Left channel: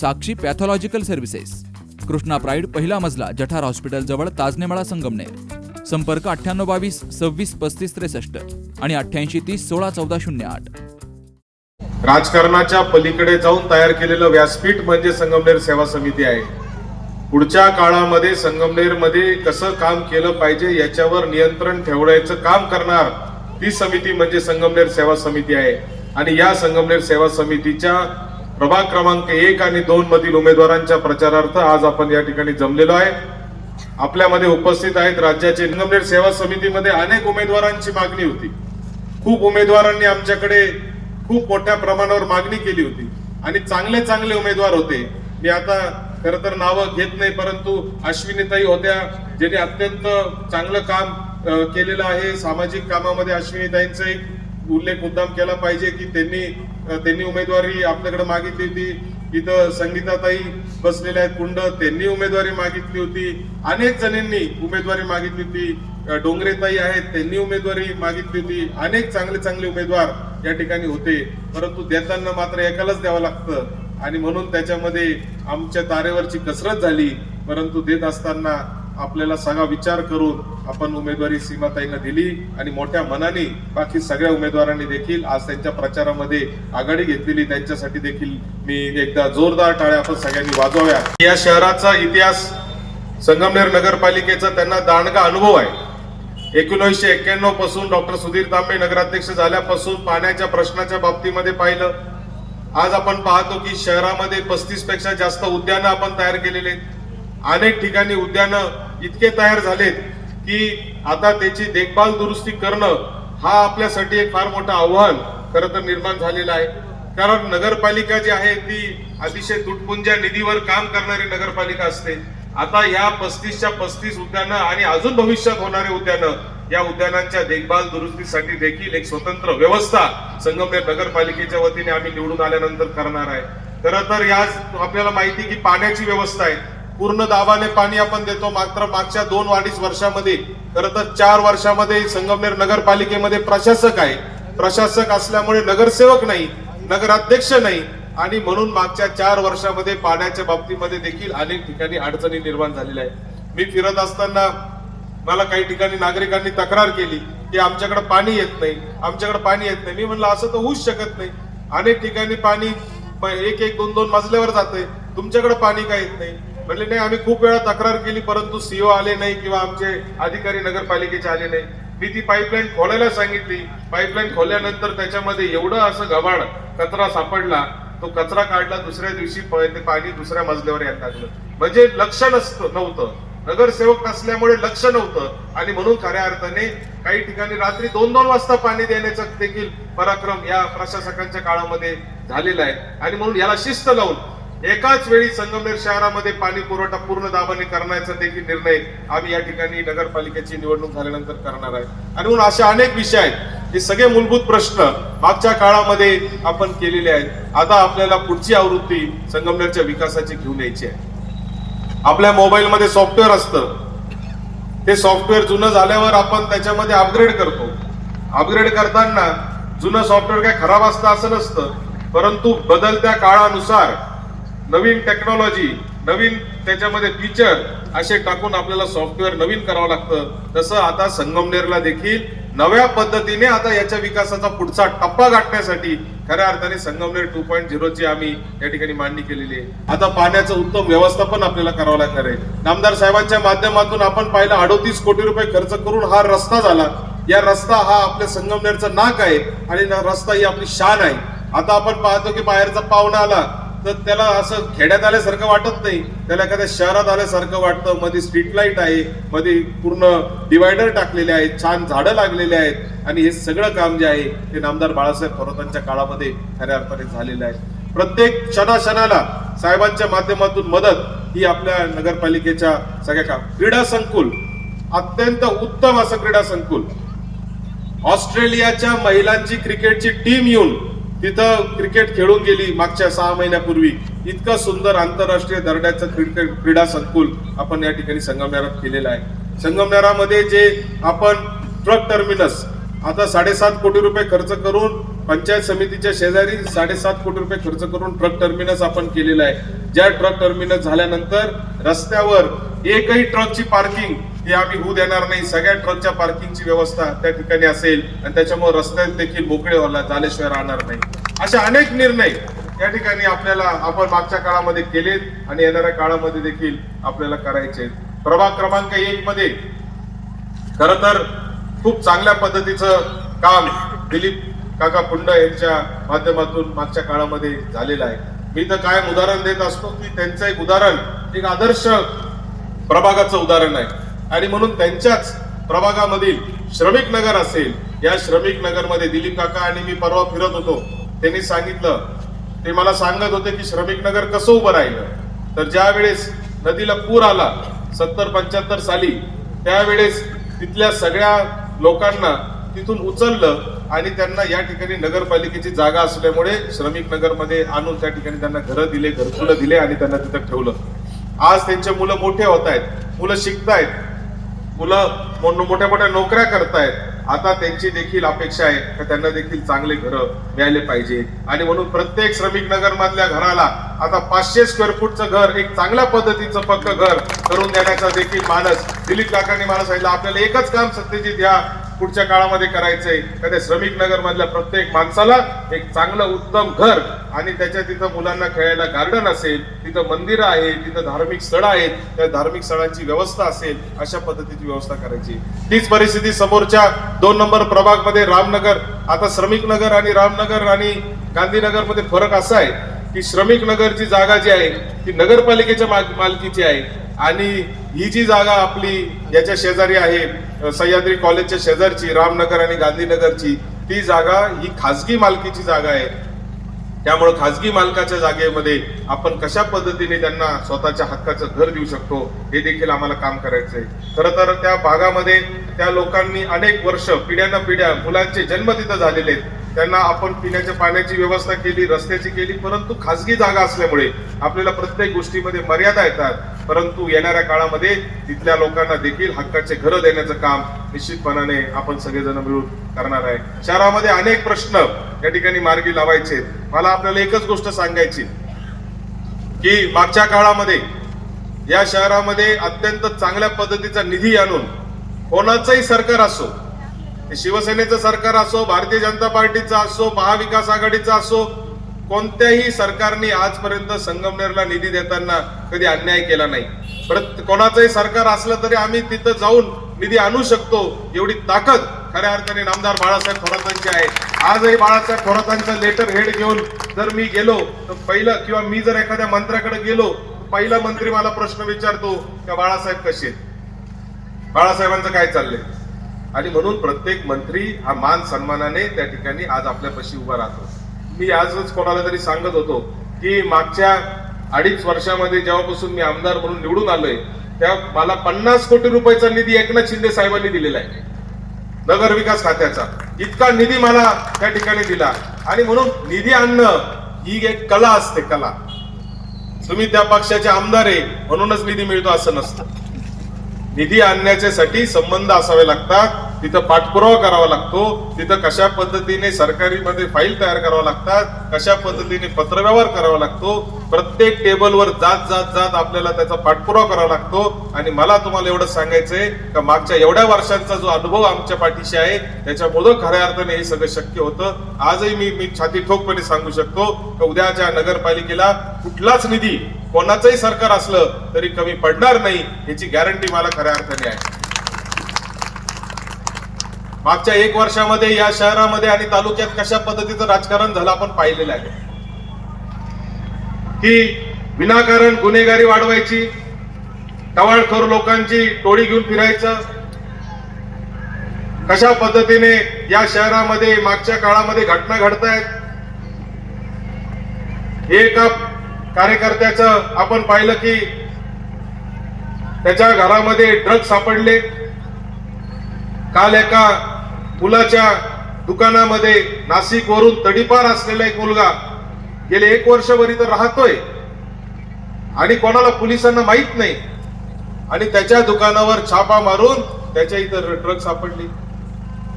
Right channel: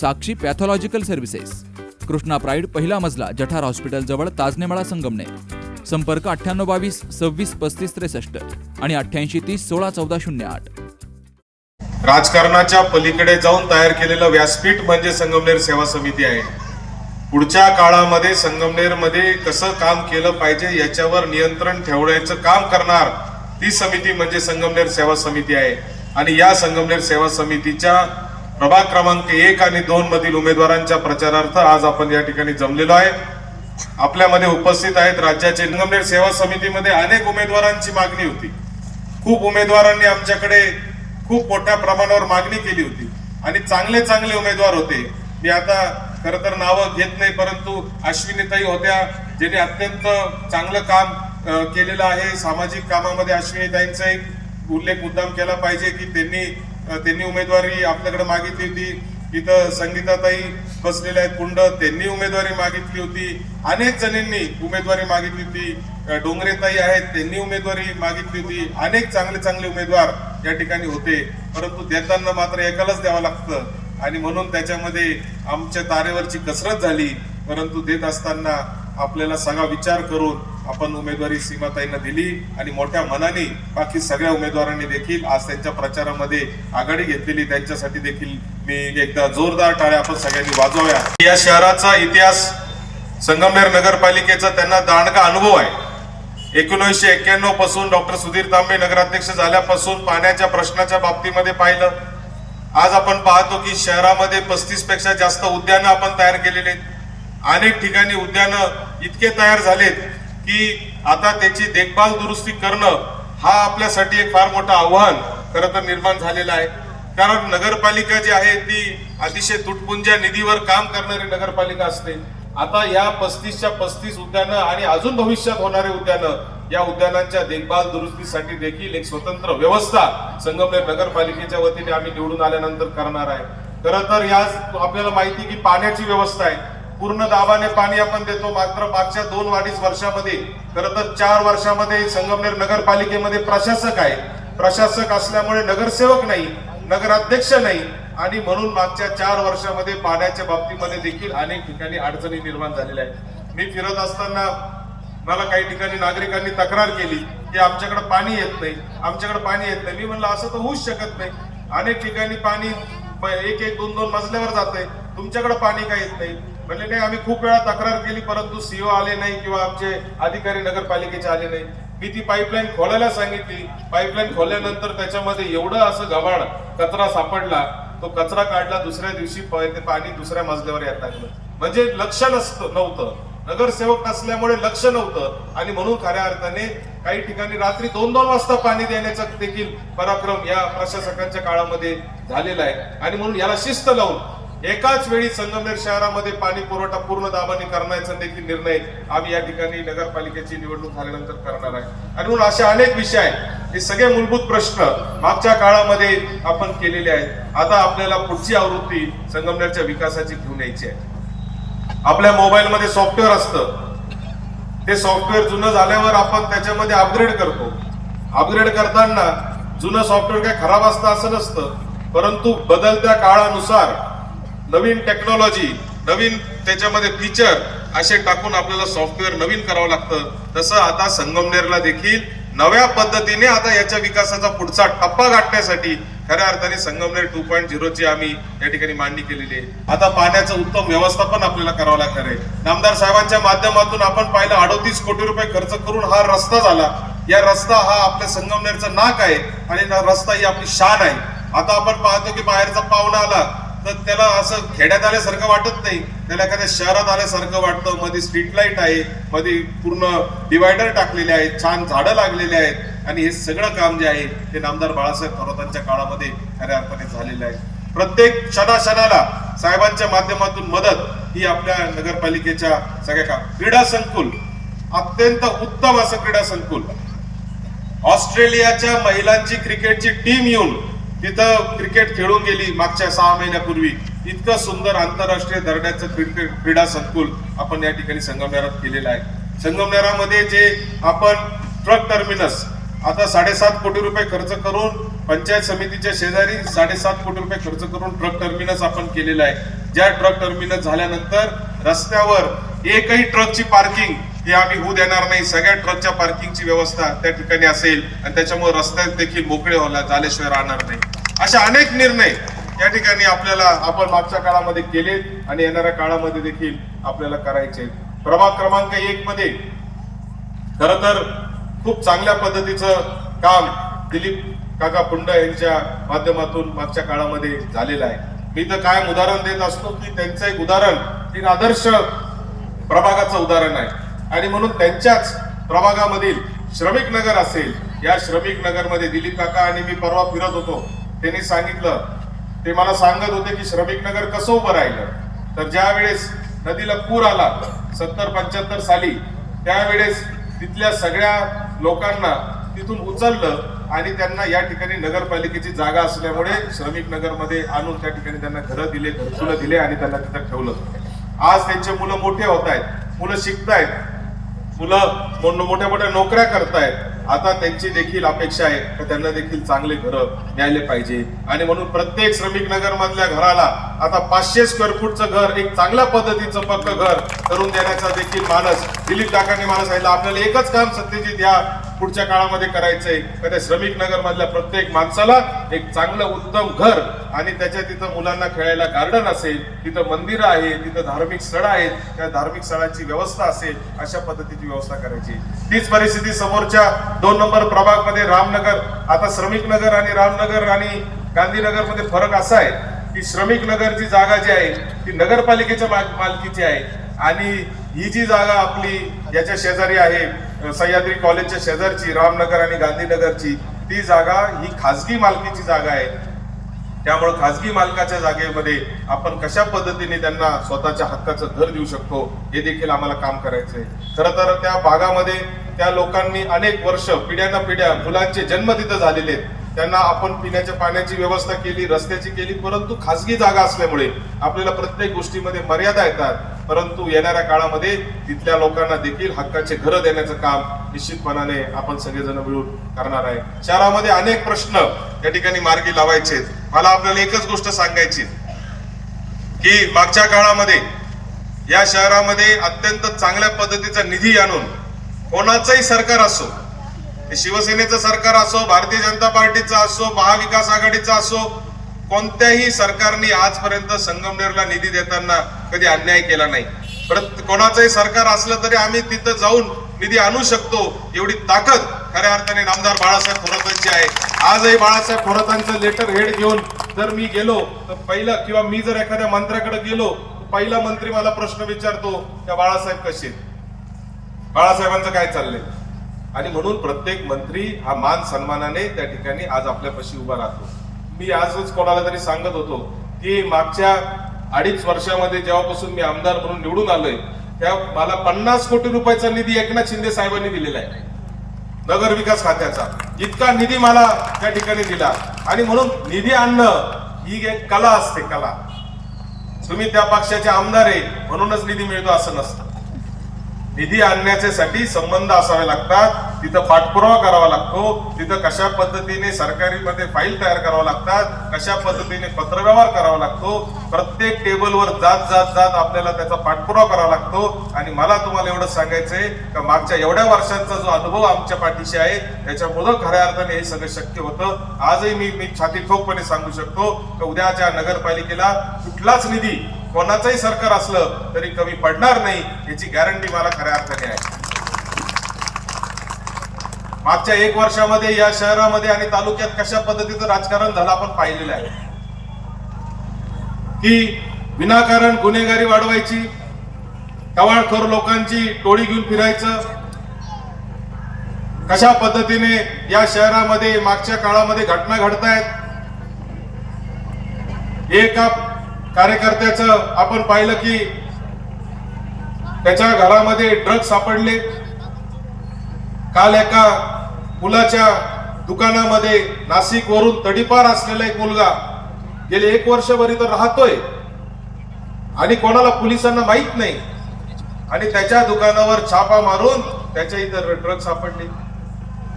Sakshi pathological services. Krishna pride पहिला मजला जठार hospital जवळ ताजनेमाळा संगमनेर. संपर्क अठ्ठ्याण्णव बावीस सव्वीस पस्तीस त्रेसष्ट आणि अठ्ठ्याऐंशी तीस सोळा चौदा शून्य आठ. राजकारणाच्या पलीकडे जाऊन तयार केलेलं व्यासपीठ म्हणजे संगमनेर सेवा समिती आहे. पुढच्या काळामध्ये संगमनेरमध्ये कसं काम केलं पाहिजे याच्यावर नियंत्रण ठेवण्याचं काम करणार ती समिती म्हणजे संगमनेर सेवा समिती आहे. आणि या संगमनेर सेवा समितीच्या प्रभाग क्रमांक एक आणि दोन मधील उमेदवारांच्या प्रचारार्थ आज आपण या ठिकाणी जमलेलो आहे. आपल्यामध्ये उपस्थित आहेत राज्याचे संगमनेर सेवा समितीमध्ये अनेक उमेदवारांची मागणी होती. खूप उमेदवारांनी आमच्याकडे खूप मोठ्या प्रमाणावर मागणी केली होती. आणि चांगले चांगले उमेदवार होते. मी आता खर तर नावं घेत नाही परंतु अश्विनीताई होत्या ज्यांनी अत्यंत चांगलं काम केलेलं आहे. सामाजिक कामामध्ये अश्विनीताईंचा एक उल्लेख मुद्दाम केला पाहिजे की त्यांनी त्यांनी उमेदवारी आपल्याकडे मागितली होती. इथं संगीताताई बसलेल्या आहेत कुंड. त्यांनी उमेदवारी मागितली होती. अनेक जणींनी उमेदवारी मागितली होती. डोंगरेताई आहेत त्यांनी उमेदवारी मागितली होती. अनेक चांगले चांगले उमेदवार या ठिकाणी होते. परंतु देताना मात्र एकालाच द्यावं लागतं. आणि म्हणून त्याच्यामध्ये आमच्या तारेवरची कसरत झाली. परंतु देत असताना आपल्याला सगळा विचार करून आपण उमेदवारी सीमाताईंना दिली आणि मोठ्या मनाने बाकी सगळ्या उमेदवारांनी देखील आज त्यांच्या प्रचारामध्ये आघाडी घेतलेली. त्यांच्यासाठी देखील मी एकदा जोरदार टाळ्या आपण सगळ्यांनी वाजवाव्या. या शहराचा इतिहास संगमनेर नगरपालिकेचा त्यांना दांडगा अनुभव आहे. एकोणीसशे एक्क्याण्णवपासून डॉक्टर सुधीर तांबे नगराध्यक्ष झाल्यापासून पाण्याच्या प्रश्नाच्या बाबतीमध्ये पाहिलं. आज आपण पाहतो की शहरामध्ये पस्तीसपेक्षा जास्त उद्यानं आपण तयार केलेले आहेत. अनेक ठिकाणी उद्यानं इतके तयार झालेत की आता त्याची देखभाल दुरुस्ती करणं हा आपल्यासाठी एक फार मोठं आव्हान खरं तर निर्माण झालेलं आहे. कारण नगरपालिका जी आहे ती अतिशय तुटपुंज्या निधीवर काम करणारी नगरपालिका असते. आता या पस्तीसच्या पस्तीस उद्यानं आणि अजून भविष्यात होणारे उद्यानं या उद्यानांच्या देखभाल दुरुस्तीसाठी देखील एक स्वतंत्र व्यवस्था संगमनेर नगरपालिकेच्या वतीने आम्ही निवडून आल्यानंतर करणार आहे. खरं तर या आपल्याला माहिती की पाण्याची व्यवस्था आहे. पूर्ण दाबाने पाणी आपण देतो. मात्र मागच्या दोन अडीच वर्षामध्ये खरं तर चार वर्षामध्ये संगमनेर नगरपालिकेमध्ये प्रशासक आहे. प्रशासक असल्यामुळे नगरसेवक नाही नगराध्यक्ष नाही आणि म्हणून मागच्या चार वर्षामध्ये पाण्याच्या बाबतीमध्ये देखील अनेक ठिकाणी अडचणी निर्माण झालेल्या आहेत. मी फिरत असताना मला काही ठिकाणी नागरिकांनी तक्रार केली की आमच्याकडे पाणी येत नाही आमच्याकडे पाणी येत नाही. मी म्हणलं असं तर होऊच शकत नाही. अनेक ठिकाणी पाणी एक एक दोन दोन मजल्यावर जाते तुमच्याकडे पाणी का येत नाही? म्हणले नाही आम्ही खूप वेळा तक्रार केली परंतु सीओ आले नाही किंवा आमचे अधिकारी नगरपालिकेचे आले नाही मी ती पाईपलाईन खोलायला सांगितली. पाईपलाईन खोलल्यानंतर त्याच्यामध्ये एवढं असं घबाड कचरा सापडला तो कचरा काढला दुसऱ्या दिवशी ते पाणी दुसऱ्या मजल्यावर यायला लागलं. म्हणजे लक्ष नसतं नव्हतं. नगरसेवक नसल्यामुळे लक्ष नव्हतं. आणि म्हणून खऱ्या अर्थाने काही ठिकाणी रात्री दोन दोन वाजता पाणी देण्याचा देखील पराक्रम या प्रशासकांच्या काळामध्ये झालेला आहे. आणि म्हणून याला शिस्त लावून एकाच वेळी संगमनेर शहरामध्ये पाणी पुरवठा पूर्ण दाबाने करण्याचा देखील निर्णय आम्ही या ठिकाणी नगरपालिकेची निवडणूक झाल्यानंतर करणार आहे. आणि म्हणून असे अनेक विषय आहेत हे सगळे मूलभूत प्रश्न मागच्या काळामध्ये आपण केलेले आहेत. आता आपल्याला पुढची आवृत्ती संगमनेरच्या विकासाची घेऊन यायची आहे. आपल्या मोबाईलमध्ये सॉफ्टवेअर असतं. ते सॉफ्टवेअर जुनं झाल्यावर आपण त्याच्यामध्ये अपग्रेड करतो. अपग्रेड करताना जुनं सॉफ्टवेअर काय खराब असतं असं नसतं. परंतु बदलत्या काळानुसार नवीन टेक्नॉलॉजी नवीन त्याच्यामध्ये फीचर असे टाकून आपल्याला सॉफ्टवेअर नवीन करावं लागतं. तसं आता संगमनेरला देखील नव्या पद्धतीने आता याच्या विकासाचा पुढचा टप्पा गाठण्यासाठी खऱ्या अर्थाने संगमनेर टू पॉईंट झिरोची आम्ही या ठिकाणी मांडणी केलेली आहे. आता पाण्याचं उत्तम व्यवस्थापन आपल्याला करावं लागणार आहे. नामदार साहेबांच्या माध्यमातून आपण पाहिलं अडोतीस कोटी रुपये खर्च करून हा रस्ता झाला. या रस्ता हा आपल्या संगमनेरचं नाक आहे आणि रस्ता ही आपली शान आहे. आता आपण पाहतो की बाहेरचा पाहुणा आला. तर त्याला असं खेड्यात आल्यासारखं वाटत नाही. त्याला एखाद्या शहरात आल्यासारखं वाटतं. मध्ये स्ट्रीट लाइट आहे. मध्ये पूर्ण डिवायडर टाकलेले आहेत. छान झाडं लागलेले आहेत. आणि हे सगळं काम जे आहे ते नामदार बाळासाहेब थोरातांच्या काळामध्ये खऱ्या अर्थाने झालेलं आहे. प्रत्येक क्षणाक्षणाला साहेबांच्या माध्यमातून मदत ही आपल्या नगरपालिकेच्या सगळ्या काम क्रीडा संकुल अत्यंत उत्तम असं क्रीडा संकुल. ऑस्ट्रेलियाच्या महिलांची क्रिकेटची टीम येऊन तिथं क्रिकेट खेळून गेली मागच्या सहा महिन्यापूर्वी. इतकं सुंदर आंतरराष्ट्रीय दर्जाचं क्रिकेट क्रीडा संकुल आपण या ठिकाणी संगमनेरात केलेलं आहे. संगमनेरामध्ये जे आपण ट्रक टर्मिनस आता साडेसात कोटी रुपये खर्च करून पंचायत समितीच्या शेजारी साडेसात कोटी रुपये खर्च करून ट्रक टर्मिनस आपण केलेला आहे. ज्या ट्रक टर्मिनस झाल्यानंतर रस्त्यावर एकही ट्रकची पार्किंग हे आम्ही होऊ देणार नाही. सगळ्या ट्रकच्या पार्किंगची व्यवस्था त्या ठिकाणी असेल आणि त्याच्यामुळे रस्ते देखील मोकळे व्हायला झाल्याशिवाय राहणार नाही. अशा अनेक निर्णय या ठिकाणी आपल्याला आपण मागच्या काळामध्ये केलेत आणि येणाऱ्या काळामध्ये देखील आपल्याला करायचे प्रभाग क्रमांक एक मध्ये खर तर खूप चांगल्या पद्धतीचं काम दिलीप काका पुंड यांच्या माध्यमातून मागच्या काळामध्ये झालेलं आहे. मी तर कायम उदाहरण देत असतो की त्यांचं एक उदाहरण एक आदर्श प्रभागाचं उदाहरण आहे. आणि म्हणून त्यांच्याच प्रभागामधील श्रमिक नगर असेल या श्रमिक नगरमध्ये दिलीप काका आणि मी परवा फिरत होतो. त्यांनी सांगितलं ते मला सांगत होते की श्रमिक नगर कसं उभं राहिलं. तर ज्या वेळेस नदीला पूर आला सत्तर पंच्याहत्तर साली त्यावेळेस तिथल्या सगळ्या लोकांना तिथून उचललं आणि त्यांना या ठिकाणी नगरपालिकेची जागा असल्यामुळे श्रमिक नगरमध्ये आणून त्या ठिकाणी त्यांना घरं दिले घरकुलं दिले आणि त्यांना तिथं ठेवलं. आज त्यांचे मुलं मोठे होत आहेत मुलं शिकतायत मुलं मोठ्या मोठ्या नोकऱ्या करतायत. आता त्यांची देखील अपेक्षा आहे का त्यांना देखील चांगले घरं मिळाले पाहिजे. आणि म्हणून प्रत्येक श्रमिक नगर मधल्या घराला आता पाचशे स्क्वेअर फूटचं घर एक चांगल्या पद्धतीचं पक्क घर करून देण्याचा देखील मानस दिलीप काकांनी मला सांगितलं. आपल्याला एकच काम सत्यजित या पुढच्या काळामध्ये करायचंय. का त्या श्रमिक नगर मधल्या प्रत्येक माणसाला एक चांगलं उत्तम घर आणि त्याच्या तिथं मुलांना खेळायला गार्डन असेल तिथं मंदिरं आहे तिथं धार्मिक स्थळं आहेत त्या धार्मिक स्थळांची व्यवस्था असेल अशा पद्धतीची व्यवस्था करायची. तीच परिस्थिती समोरच्या दोन नंबर प्रभागमध्ये रामनगर आता श्रमिक नगर आणि रामनगर आणि गांधीनगरमध्ये फरक असा आहे की श्रमिक नगरची जागा जी आहे ती नगरपालिकेच्या माल- मालकीची आहे. आणि ही जी जागा आपली याच्या शेजारी आहे सह्याद्री कॉलेजच्या शेजारची रामनगर आणि गांधीनगरची ती जागा ही खासगी मालकीची जागा आहे. त्यामुळे खाजगी मालकाच्या जागेमध्ये आपण कशा पद्धतीने त्यांना स्वतःच्या हक्काचं घर देऊ शकतो हे देखील आम्हाला काम करायचंय खरं तर त्या भागामध्ये त्या लोकांनी अनेक वर्ष पिढ्यांना पिढ्या मुलांचे जन्म तिथं झालेले आहेत. त्यांना आपण पिण्याच्या पाण्याची व्यवस्था केली रस्त्याची केली परंतु खासगी जागा असल्यामुळे आपल्याला प्रत्येक गोष्टीमध्ये मर्यादा येतात. परंतु येणाऱ्या काळामध्ये तिथल्या लोकांना देखील हक्काचे घरं देण्याचं काम निश्चितपणाने आपण सगळेजण मिळून करणार आहे. शहरामध्ये अनेक प्रश्न या ठिकाणी मार्गी लावायचे मला आपल्याला एकच गोष्ट सांगायची की मागच्या काळामध्ये या शहरामध्ये अत्यंत चांगल्या पद्धतीचा निधी आणून कोणाचंही सरकार असो शिवसेनेचं सरकार असो भारतीय जनता पार्टीचं असो महाविकास आघाडीचा असो कोणत्याही सरकारने आजपर्यंत संगमनेरला निधी देताना कधी अन्याय केला नाही. परत कोणाचंही सरकार असलं तरी आम्ही तिथं जाऊन निधी आणू शकतो एवढी ताकद खऱ्या अर्थाने नामदार बाळासाहेब थोरातांची आहे. आजही बाळासाहेब थोरातांचं लेटर हेड घेऊन जर मी गेलो तर पहिलं किंवा मी जर एखाद्या मंत्र्याकडे गेलो तर पहिला मंत्री मला प्रश्न विचारतो का बाळासाहेब कसे बाळासाहेबांचं काय चाललंय? आणि म्हणून प्रत्येक मंत्री हा मान सन्मानाने त्या ठिकाणी आज आपल्यापाशी उभा राहतो. मी आजच कोणाला तरी सांगत होतो की मागच्या अडीच वर्षामध्ये जेव्हापासून मी आमदार म्हणून निवडून आलोय त्या मला पन्नास कोटी रुपयाचा निधी एकनाथ शिंदे साहेबांनी दिलेला आहे. नगर विकास खात्याचा. इतका निधी मला त्या ठिकाणी दिला. आणि म्हणून निधी आणणं ही एक कला असते कला. तुम्ही त्या पक्षाचे आमदार आहे म्हणूनच निधी मिळतो असं नसतं. निधी आणण्याच्यासाठी संबंध असावे लागतात. तिथं पाठपुरावा करावा लागतो. तिथं कशा पद्धतीने सरकारीमध्ये फाईल तयार करावं लागतात कशा पद्धतीने पत्रव्यवहार करावा लागतो प्रत्येक टेबलवर जात जात जात आपल्याला त्याचा पाठपुरावा करावा लागतो. आणि मला तुम्हाला एवढं सांगायचंय का मागच्या एवढ्या वर्षांचा जो अनुभव आमच्या पाठीशी आहे त्याच्यामुळं खऱ्या अर्थाने हे सगळं शक्य होतं. आजही मी मी छाती ठोकपणे सांगू शकतो की उद्याच्या नगरपालिकेला कुठलाच निधी कोणाचंही सरकार असलं तरी कमी पडणार नाही याची गॅरंटी मला खऱ्या अर्थाने आहे. मागच्या एक वर्षामध्ये या शहरामध्ये आणि तालुक्यात कशा पद्धतीचं राजकारण झालं आपण पाहिलेलं आहे. की विनाकारण गुन्हेगारी वाढवायची टवाळखोर लोकांची टोळी घेऊन फिरायचं कशा पद्धतीने या शहरामध्ये मागच्या काळामध्ये घटना घडतायत एका कार्यकर्त्याचं आपण पाहिलं की त्याच्या घरामध्ये ड्रग्ज सापडले. काल एका फुलाच्या दुकानामध्ये नाशिक वरून तडीपार असलेला एक मुलगा गेले एक वर्षभर इथं राहतोय. आणि कोणाला पोलिसांना माहीत नाही. आणि त्याच्या दुकानावर छापा मारून त्याच्या इथं ड्रग सापडले.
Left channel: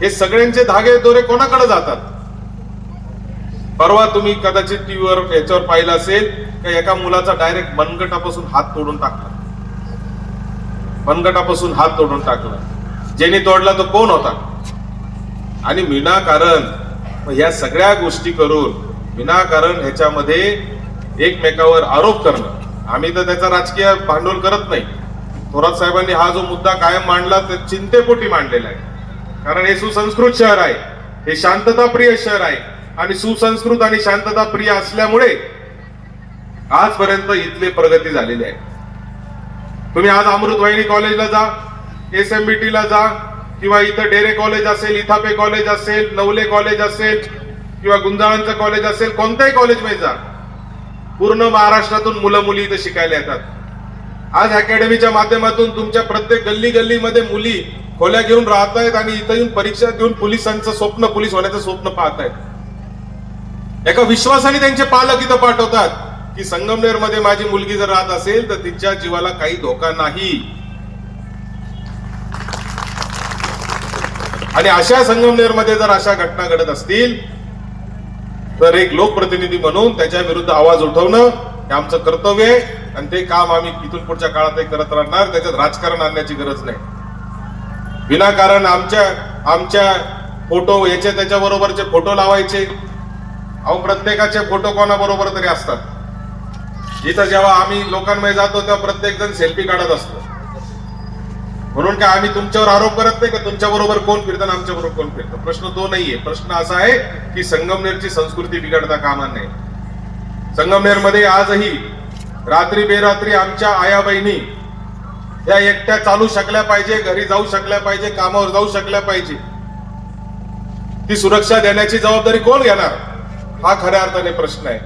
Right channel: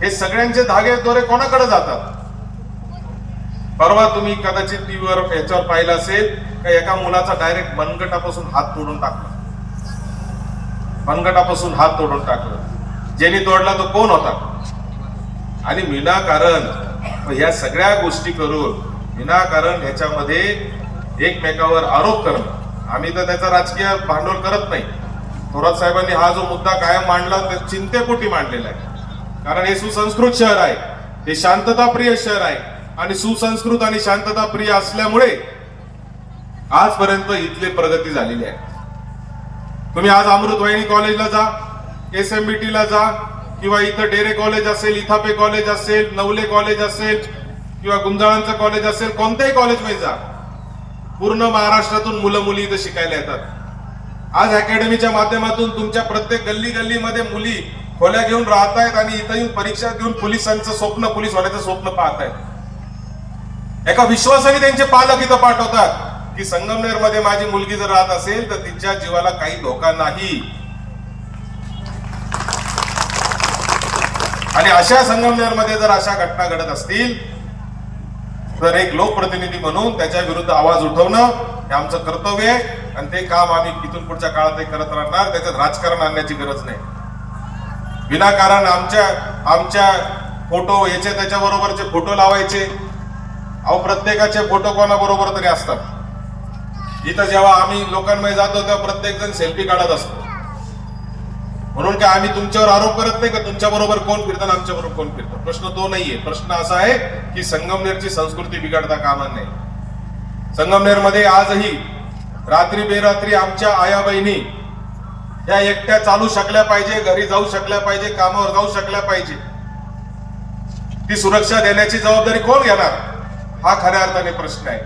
हे सगळ्यांचे धागे दोरे कोणाकडे जातात? परवा तुम्ही कदाचित टीव्हीवर याच्यावर पाहिलं असेल का एका मुलाचा डायरेक्ट मनगटापासून हात तोडून टाकला? मनगटापासून हात तोडून टाकला. ज्यांनी तोडला तो कोण होता? आणि विनाकारण या सगळ्या गोष्टी करून विनाकारण ह्याच्यामध्ये एकमेकावर आरोप करणं. आम्ही तर त्याचा राजकीय भांडवल करत नाही. थोरात साहेबांनी हा जो मुद्दा कायम मांडला तर चिंतेपोटी मांडलेला आहे. कारण हे सुसंस्कृत शहर आहे. हे शांतताप्रिय शहर आहे. आणि सुसंस्कृत आणि शांतताप्रिय असल्यामुळे आजपर्यंत इथली प्रगती झालेली आहे. तुम्ही आज अमृतवाहिनी कॉलेजला जा एस एम बी टीला जा किंवा इथं डेरे कॉलेज असेल इथापे कॉलेज असेल नवले कॉलेज असेल किंवा गुंजाळांचं कॉलेज असेल कोणत्याही कॉलेजमध्ये जा. पूर्ण महाराष्ट्रातून मुलं मुली इथं शिकायला येतात. आज अकॅडमीच्या माध्यमातून तुमच्या प्रत्येक गल्ली गल्लीमध्ये मुली खोल्या घेऊन राहत आहेत आणि इथं येऊन परीक्षा देऊन पोलिसांचं स्वप्न पोलीस होण्याचं स्वप्न पाहत आहेत एका विश्वासाने त्यांचे पालक इथं पाठवतात की संगमनेरमध्ये माझी मुलगी जर राहत असेल तर तिच्या जीवाला काही धोका नाही. आणि अशा संगमनेरमध्ये जर अशा घटना घडत असतील तर एक लोकप्रतिनिधी म्हणून त्याच्या विरुद्ध आवाज उठवणं हे आमचं कर्तव्य आहे. आणि ते काम आम्ही इथून पुढच्या काळात करत राहणार त्याच्यात राजकारण आणण्याची गरज नाही. विनाकारण आमच्या आमच्या फोटो याच्या त्याच्या बरोबरचे फोटो लावायचे. अहो प्रत्येकाचे फोटो कोणाबरोबर तरी असतात. इथं जेव्हा आम्ही लोकांमध्ये जातो तेव्हा प्रत्येक जण सेल्फी काढत असतो. म्हणून काय आम्ही तुमच्यावर आरोप करत नाही का? तुमच्या बरोबर कोण फिरतं आमच्या बरोबर कोण फिरतं? प्रश्न तो नाहीये. प्रश्न असा आहे की संगमनेरची संस्कृती बिघडता कामा नये. संगमनेरमध्ये आजही रात्री बेरात्री आमच्या आया बहिणी या एकट्या चालू शकल्या पाहिजे घरी जाऊ शकल्या पाहिजे कामावर जाऊ शकल्या पाहिजे. ती सुरक्षा देण्याची जबाबदारी कोण घेणार? हा खऱ्या अर्थाने प्रश्न आहे.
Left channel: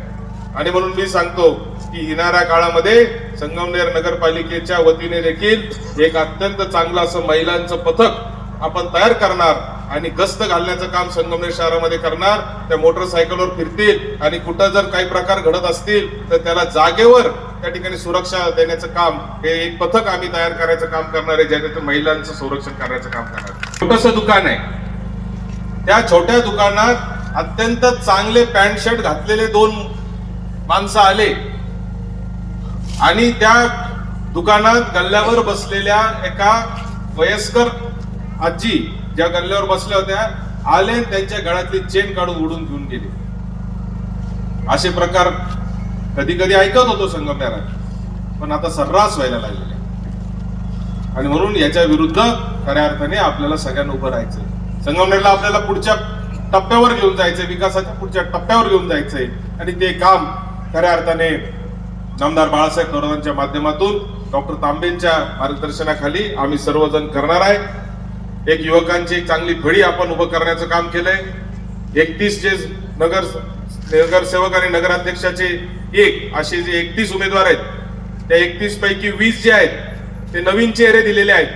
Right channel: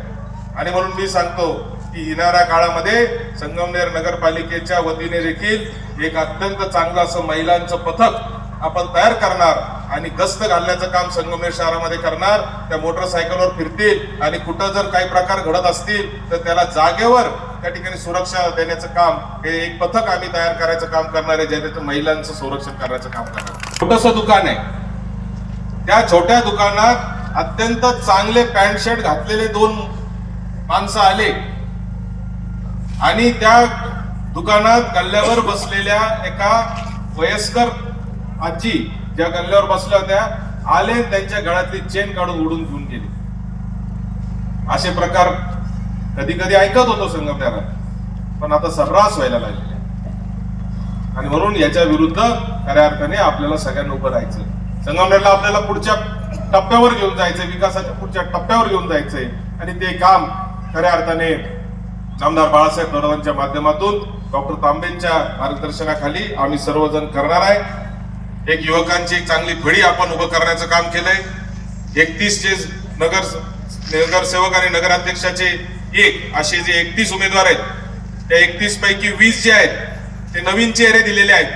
आणि म्हणून मी सांगतो की येणाऱ्या काळामध्ये संगमनेर नगरपालिकेच्या वतीने देखील एक अत्यंत चांगलं असं महिलांचं पथक आपण तयार करणार आणि गस्त घालण्याचं काम संगमनेर शहरामध्ये करणार. त्या मोटरसायकलवर फिरतील आणि कुठं जर काही प्रकार घडत असतील तर त्याला जागेवर त्या ठिकाणी सुरक्षा देण्याचं काम हे एक पथक आम्ही तयार करायचं काम करणार आहे ज्याने महिलांचं संरक्षण करण्याचं काम करणार छोटस दुकान आहे. त्या छोट्या दुकानात अत्यंत चांगले पॅन्ट शर्ट घातलेले दोन माणसं आले. आणि त्या दुकानात गल्ल्यावर बसलेल्या एका वयस्कर आजी ज्या गल्ल्यावर बसल्या होत्या आले त्यांच्या गळ्यातली चेन काढून उडून घेऊन गेले. असे प्रकार कधी कधी ऐकत होतो संगमनेरात पण आता सर्रास व्हायला लागलेले आणि म्हणून याच्या विरुद्ध खऱ्या अर्थाने आपल्याला सगळ्यांना उभं राहायचं संगमनेरला आपल्याला पुढच्या टप्प्यावर घेऊन जायचंय विकासाच्या पुढच्या टप्प्यावर घेऊन जायचंय. आणि ते काम खऱ्या अर्थाने नामदार बाळासाहेब थोरातांच्या माध्यमातून डॉक्टर तांबेंच्या मार्गदर्शनाखाली आम्ही सर्वजण करणार आहे. एक युवकांची एक चांगली फळी आपण उभं करण्याचं काम केलंय. एकतीस जे नगर नगरसेवक आणि नगराध्यक्षाचे एक असे जे एकतीस उमेदवार आहेत त्या एकतीस पैकी वीस जे आहेत ते नवीन चेहरे दिलेले आहेत.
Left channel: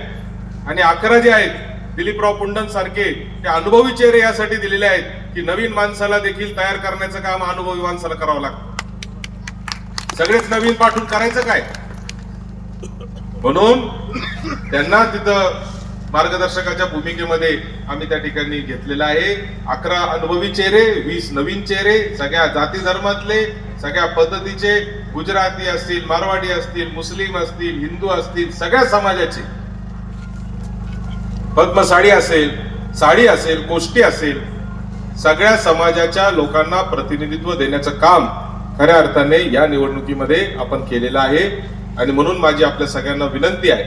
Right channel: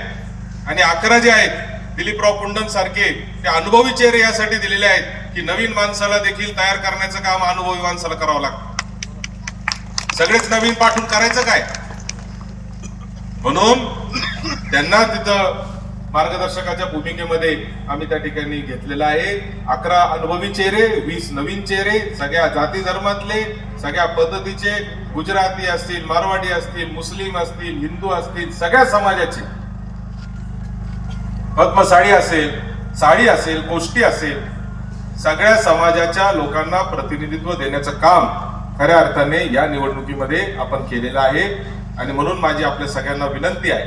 आणि अकरा जे आहेत दिलीपराव पुंडन सारखे ते अनुभवी चेहरे यासाठी दिलेले आहेत की नवीन माणसाला देखील तयार करण्याचं काम अनुभवी माणसाला करावं लागतं. सगळेच नवीन पाठवून करायचं काय? म्हणून त्यांना तिथं मार्गदर्शकाच्या भूमिकेमध्ये आम्ही त्या ठिकाणी घेतलेलं आहे. अकरा अनुभवी चेहरे वीस नवीन चेहरे सगळ्या जाती धर्मातले सगळ्या पद्धतीचे गुजराती असतील मारवाडी असतील मुस्लिम असतील हिंदू असतील सगळ्या समाजाचे. पद्म साडी असेल साडी असेल गोष्टी असेल सगळ्या समाजाच्या लोकांना प्रतिनिधित्व देण्याचं काम खऱ्या अर्थाने या निवडणुकीमध्ये आपण केलेला आहे. आणि म्हणून माझी आपल्या सगळ्यांना विनंती आहे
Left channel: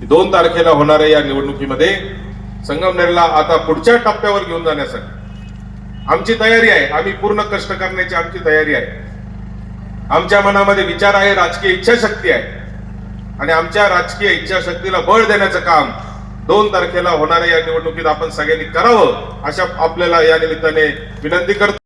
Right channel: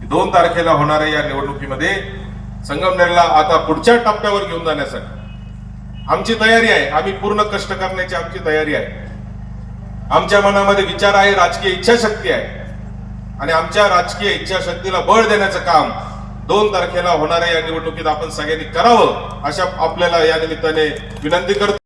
की दोन तारखेला होणाऱ्या या निवडणुकीमध्ये संगमनेरला आता पुढच्या टप्प्यावर घेऊन जाण्यासाठी. आमची तयारी आहे. आम्ही पूर्ण कष्ट करण्याची आमची तयारी आहे. आमच्या मनामध्ये विचार आहे राजकीय इच्छाशक्ती आहे. आणि आमच्या राजकीय इच्छाशक्तीला बळ देण्याचं काम दोन तारखेला होणाऱ्या या निवडणुकीत आपण सगळ्यांनी करावं अशा आपल्याला या निमित्ताने विनंती करतो.